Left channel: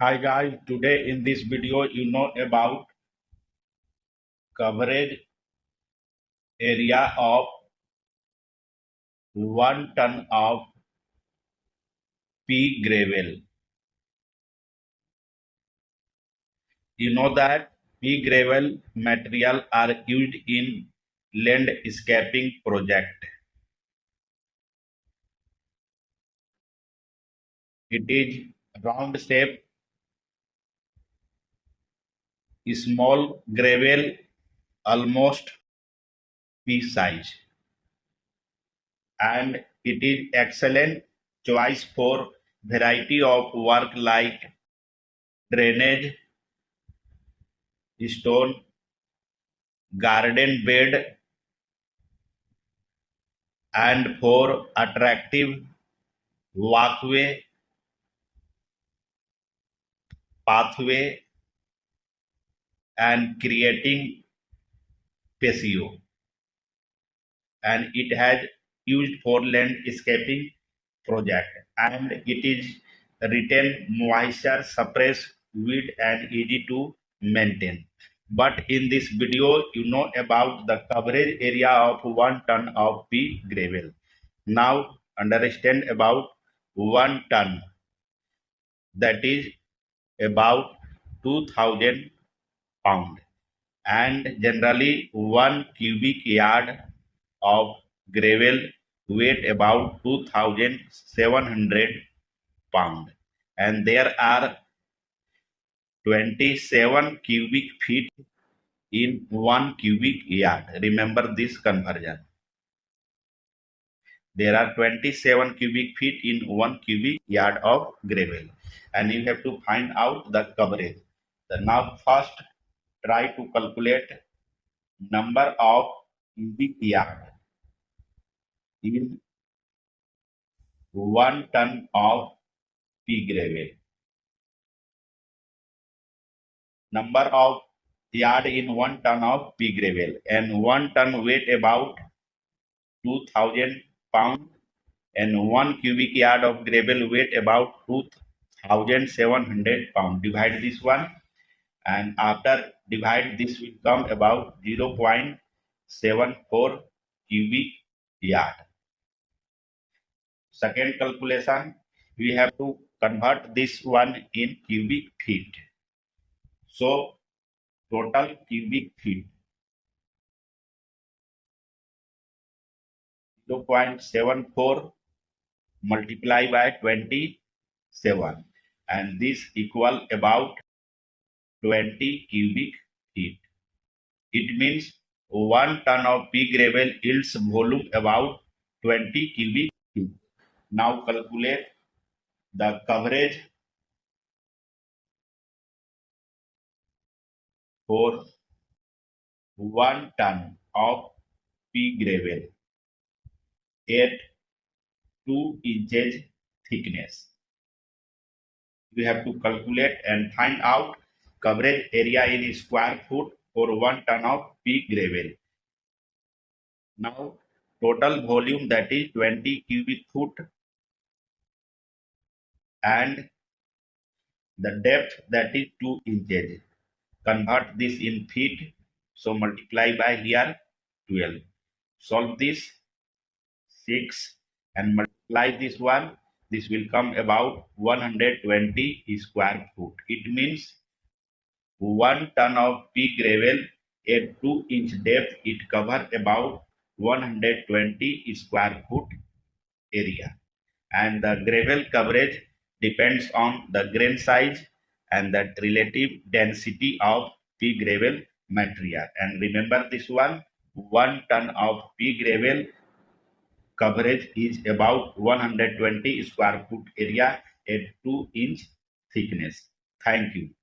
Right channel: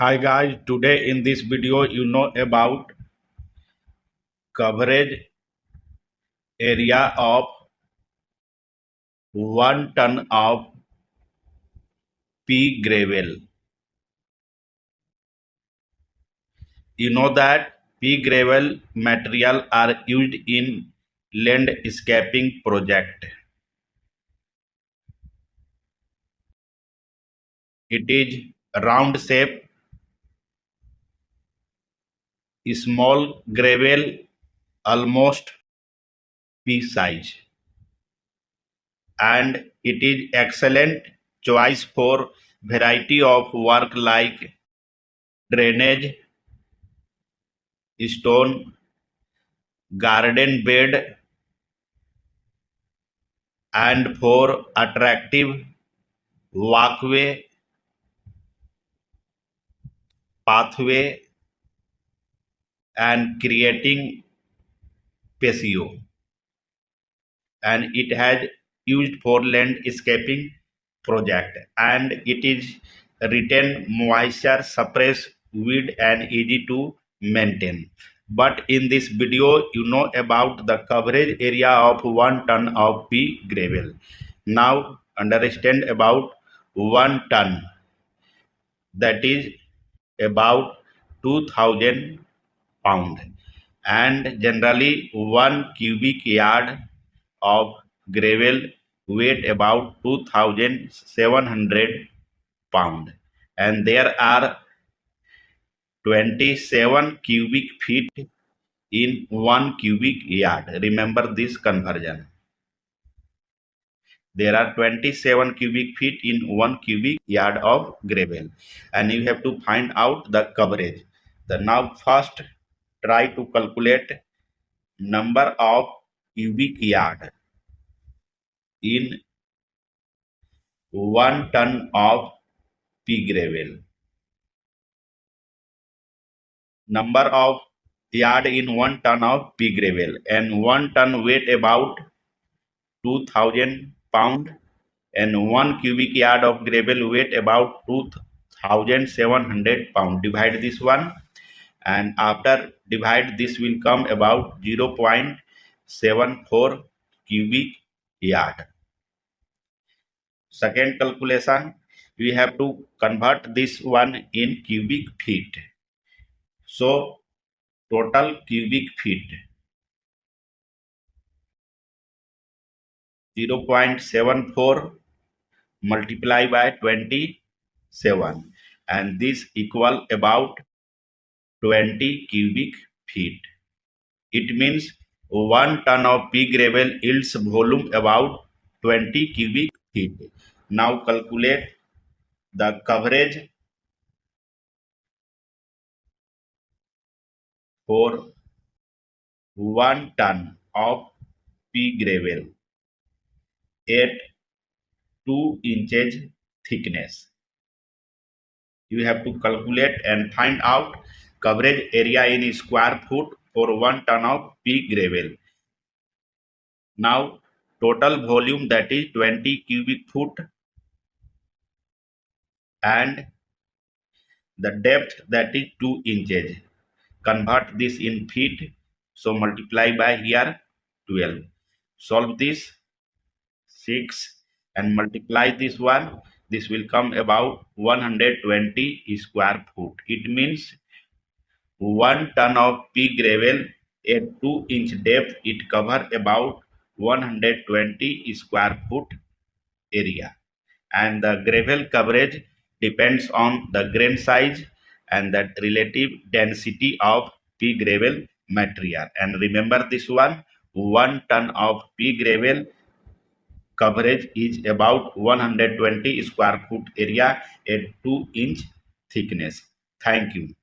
Hi guys, today in this video you know about coverage area of 1 ton of pea gravel. You know that pea gravel material are used in landscaping project. It is round shape, small gravel, almost pea size, and it is excellent choice for variety of work like drainage, stone garden bed, and for attractive walkway, pathway, and creating patio. And it has used for landscaping project, and it is retain moisture, suppress weed, and easy to maintain. But in this video you know about the coverage area of 1 ton of pea gravel. Now understand about 1 ton, that is about 2000 pound, and generally 1 cubic yard of gravel weight about 2700 pound, and there are 27 cubic feet in 1 cubic yard. Remember this conversion. There are 27 cubic feet in 1 cubic yard of gravel, and you have to find out the coverage. The now first try to calculate number of cubic yard in 1 ton of pea gravel. Number of yard in 1 ton of pea gravel, and 1 ton weight about 2000 pound, and 1 cubic yard of gravel weight about 2700 pound. Divide this one, and after divide this will come about 0.74 cubic yard. Second calculation, we have to convert this one in cubic feet. So total cubic feet 0.74 multiply by 27, and this equal about 20 cubic feet. It means 1 ton of pea gravel yields volume about 20 cubic feet. Now calculate the coverage for 1 ton of pea gravel at 2 inches thickness. You have to calculate and find out coverage area in square foot for 1 ton of pea gravel. Now total volume, that is 20 cubic foot, and the depth, that is 2 inches. Convert this in feet, so multiply by here 12. Solve this 6 and multiply this one. This will come about 120 square foot. It means 1 ton of pea gravel at 2-inch depth, it cover about 120 square foot area. And the gravel coverage depends on the grain size and the relative density of pea gravel material. And remember this one, 1 ton of pea gravel coverage is about 120 square foot area at 2-inch thickness. Thank you.